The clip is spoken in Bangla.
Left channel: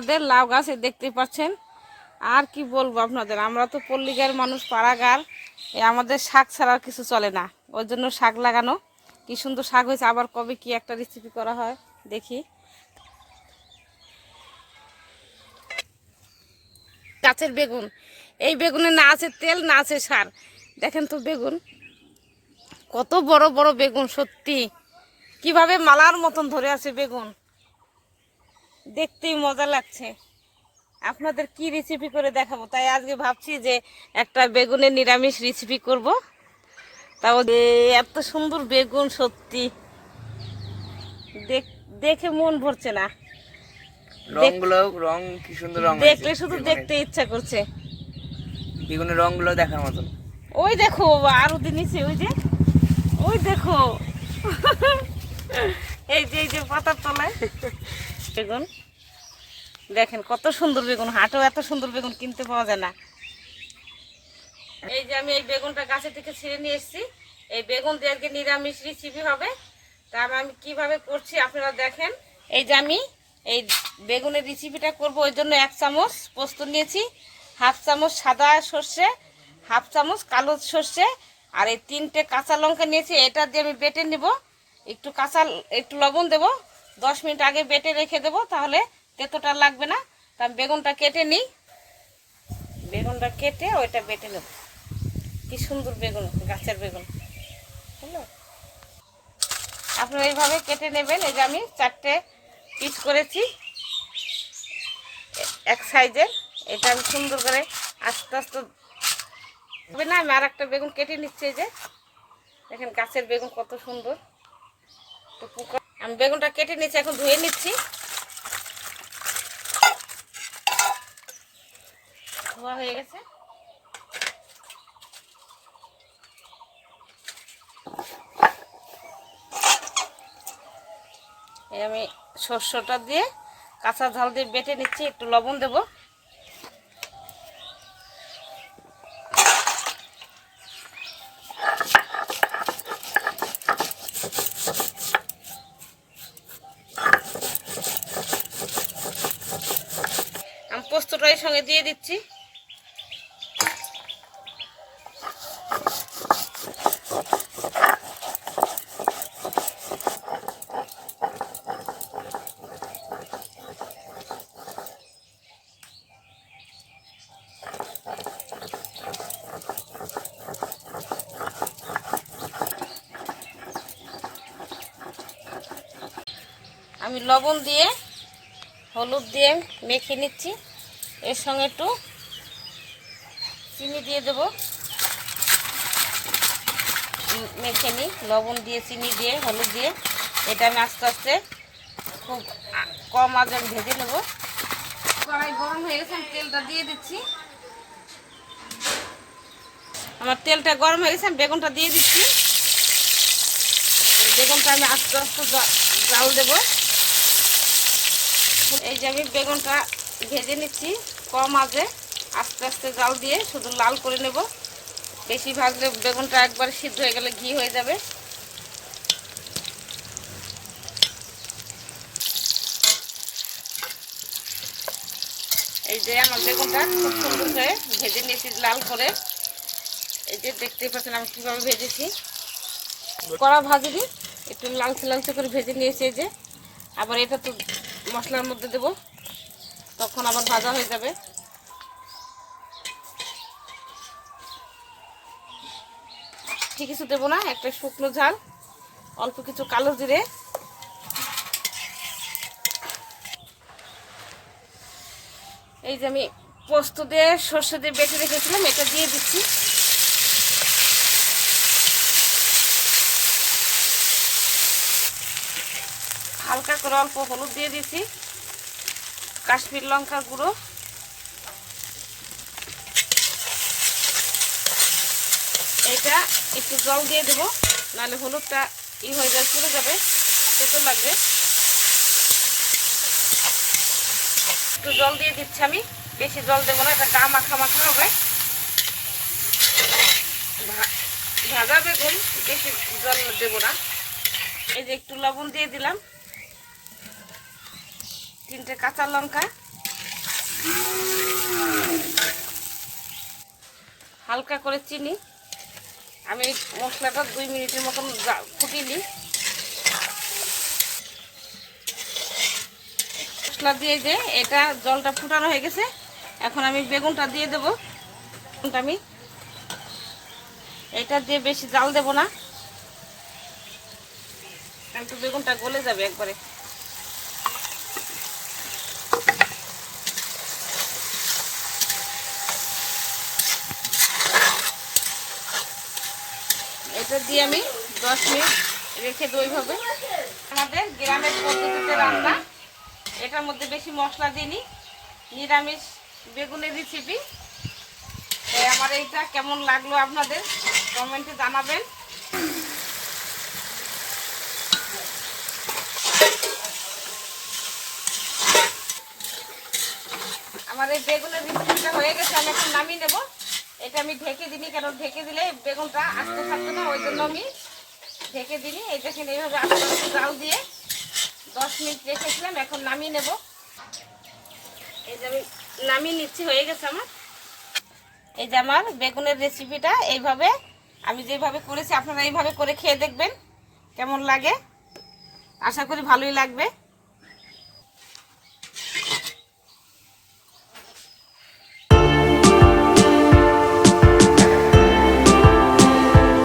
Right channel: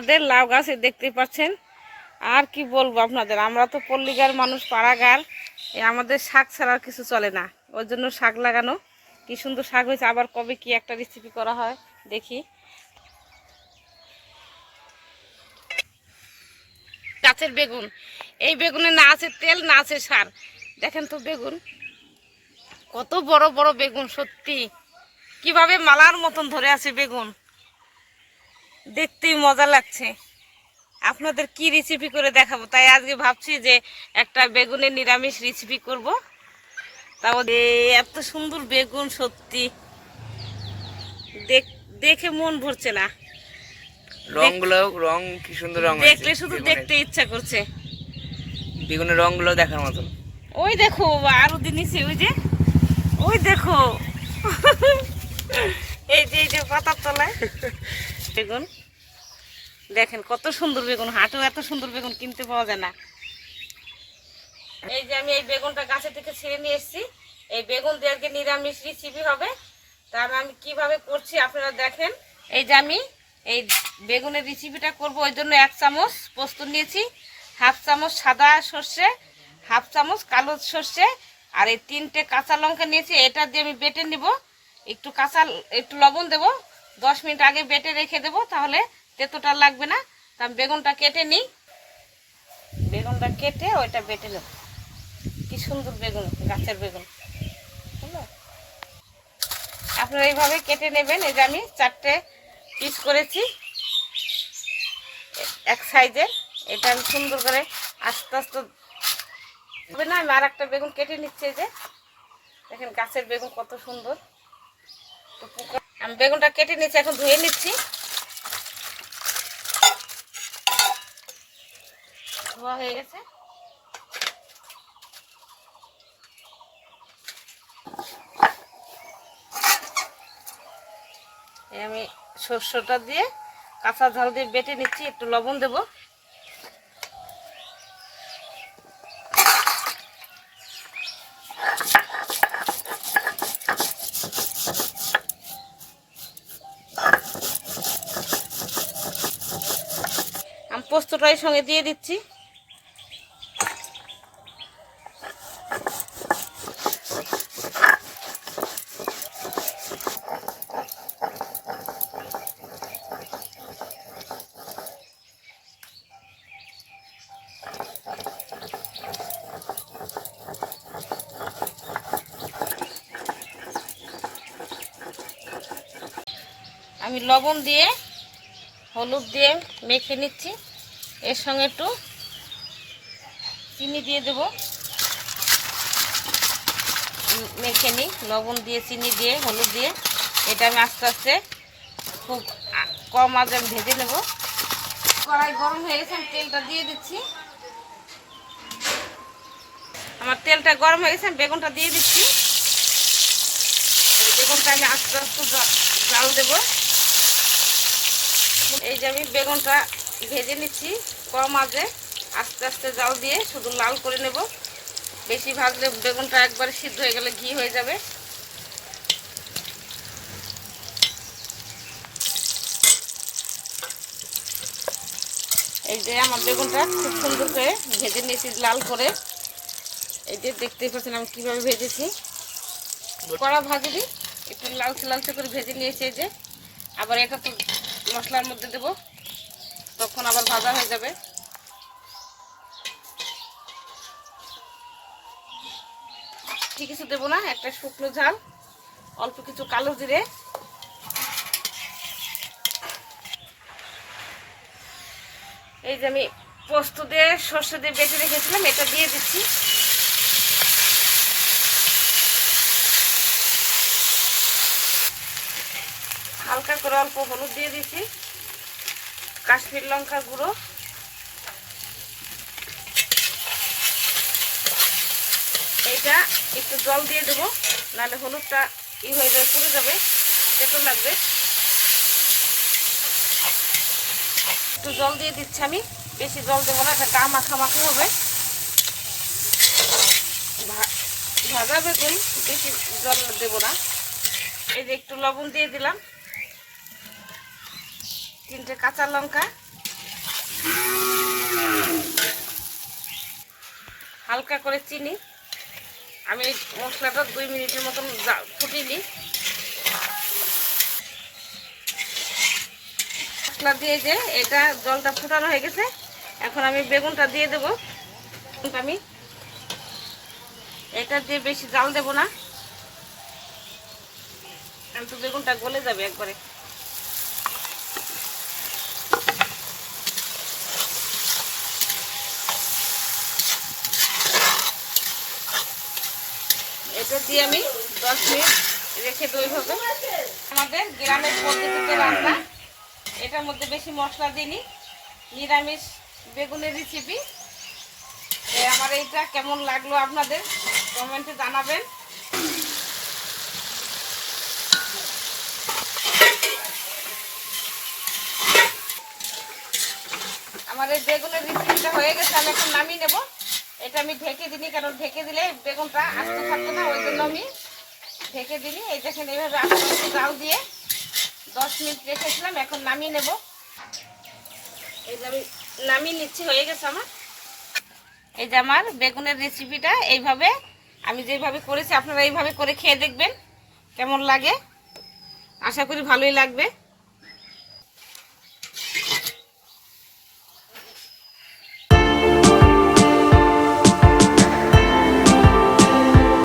আমাদের লাউ গাছে দেখতে পাচ্ছেন। আর কি বলবো আপনাদের, আমরা তো পল্লীগার মানুষ, পাড়াগার, আমাদের শাক ছাড়া আর কিছু চলে না। ওর জন্য শাক লাগানো, কি সুন্দর শাক হয়েছে। আবার কবে কি একটা রেসিপি করা হয় দেখি। গাছের বেগুন, এই বেগুনে না আছে তেল না আছে সার। দেখেন তো বেগুন, কত বড় বড় বেগুন, সত্যি কিভাবে মালার মতন ধরে আছে বেগুন, দেখতেই মজা লাগছে। আপনাদের কি রেসিপি করে দেখাবো, তাই আজকে ভাবছি যে একটা বেগুনের নিরামিষ রেসিপি করব। তাও এত সুন্দর বেগুন, সত্যি দেখে মন ভরছে না। রং কি সুন্দর, রং দেখলে শুধু দেখতে ইচ্ছা করছে। বেগুনের রংগুলো দেখার মতন। ওই দেখো আরো দিনইছে, ওই দেখো এই যে পাতার তলায় বেগুন, দেখেন কত সুন্দর বেগুন। হাটেও এত সুন্দর বেগুন কিনতে পাওয়া যায় না। এই যে আমি এই বেগুনটা গাছে থেকে ছিঁড়ে নিয়ে এসেছি। এই বেগুন দিয়ে আজকে নিরামিষ রেসিপি হবে। তার আমি কিভাবে করছি আপনারা দেখেন। এই যে আমি এই বেগুনের রেসিপিটা করব, ওই জন্য 1 চামচ পোস্ত নিয়েছি, 1/2 চামচ সাদা সর্ষে, 1/2 চামচ কালো সর্ষে, আর এই 3টে কাঁচা লঙ্কা নিয়েছি। এটা দিয়ে আমি বেটে নেব। একটু লবণ দেব, 10 মিনিট আগে বেটে রেখে দেব, তাহলে তেতোটা লাগবে না। তা আমি বেগুনটা কেটে নিই। বেগুনটা কেটে ওইটা বেটে নেব। কি সুন্দর বেগুন, গাছের বেগুন, বুঝলো? আপনারা এইভাবে কেটে নেবেন। এই যে আমি 4টে পিস করেছি এক সাইজের। এটা আমি সুন্দর করে আস্তে আস্তে হবে না। আমি আর একটা বেগুন কেটে নিচ্ছি। এই যে দেখেন গাছের বেগুন কত সুন্দর। আমি বেগুনটা কেটে নিচ্ছি, এখন ধুয়ে নিচ্ছি। ধোয়া হয়ে গেছে। আমি সরষেটা দিয়ে কাঁচা ঝাল দিয়ে বেটে নিচ্ছি, একটু লবণ দেব। আমি পোস্তটাই সঙ্গে দিয়ে দিচ্ছি। আমি লবণ দিয়ে হলুদ দিয়ে মেখে নিচ্ছি। এর সঙ্গে একটু চিনি দিয়ে দেব। মেখে নিই লবণ দিয়ে, চিনি দিয়ে, হলুদ দিয়ে। এটা আমি আস্তে আস্তে খুব কম আঁচে আমি ভেজে নেব। কড়াই গরম হয়ে গেছে, আমি তেলটা দিয়ে দিচ্ছি। আমার তেলটা গরম হয়ে গেছে, আমি বেগুনটা দিয়ে দিচ্ছি। বেগুনটা আমি আস্তে আস্তে জাল দেব। এই যে আমি বেগুনটা ভেজে নিচ্ছি কম আঁচে, আস্তে আস্তে জাল দিয়ে শুধু লাল করে নেব। বেশি ভাজলে বেগুনটা একবারে সিদ্ধ হয়ে গেলে ঘি হয়ে যাবে। এই যে আমার বেগুনটা খুব সুন্দর করে ভেজে নিয়েছি লাল করে। এই যে দেখতেই পাচ্ছেন আমি কীভাবে ভেজেছি। কড়া ভাজিনি, একটু লালচে লালচে করে ভেজে নিয়েছি। এই যে আবার এটা তো মশলার মধ্যে দেব, তখন আবার ভাজা হয়ে যাবে। ঠিক কিছু দেবো না, একটা শুকনো ঝাল, অল্প কিছু কালো জিরে, এই যে আমি পোস্ত দিয়ে সর্ষে দিয়ে বেটে রেখেছিলাম, এটা দিয়ে দিচ্ছি। হালকা করে অল্প হলুদ দিয়ে দিচ্ছি, কাশ্মীর লঙ্কা গুঁড়ো, এইটা একটু জল দিয়ে দেবো, নাহলে হলুদটা হয়ে যাবে, পুড়ে যাবে, তেতো লাগবে। একটু জল দিয়ে দিচ্ছি আমি, বেশি জল দেবো না, এটা গা মাখা মাখা হবে। ভাজা বেগুন, বেশি জল দেবো না। এই যে একটু লবণ দিয়ে দিলাম, 3টে কাঁচা লঙ্কা, হালকা করে চিনি, আমি এই মশলাটা 2 মিনিটের মতন ফুটিয়ে নিই। মশলা দিয়ে যে এটা জলটা ফুটানো হয়ে গেছে, এখন আমি বেগুনটা দিয়ে দেবো। আমি এটা দিয়ে বেশি জাল দেব না, কিন্তু বেগুনটা গলে যাবে একবারে। এটা দিয়ে আমি 10 মিনিট রেখে দিই হবে। আমাদের গ্রামের পদ্ধতিতে রান্না, এটার মধ্যে বেশি মশলা দিইনি, নিরামিষ বেগুনের রেসিপি। আমার এইটা কেমন লাগলো আপনাদের কমেন্টে জানাবেন। আমার এই বেগুনের রেসিপিটা হয়ে গেছে, আমি এখন নামিয়ে নেব। এটা আমি ঢেকে দিইনি, কারণ ঢেকে দিলে বেগুনটা আস্তে থাকবে না, ওই জন্য আমি ঢেকে দিইনি। এই দেখেন এইভাবে আস্তে আস্তে জাল দিয়ে 10 মিনিট রেখেছিলাম, এখন নামিয়ে নেব। এই যে আমি নামিয়ে নিচ্ছি, হয়ে গেছে আমার। এই যে আমার বেগুনের রেসিপিটা এইভাবে আমি যেভাবে করেছি, আপনারা এইভাবে করে খেয়ে দেখবেন কেমন লাগে। আশা করি ভালোই লাগবে।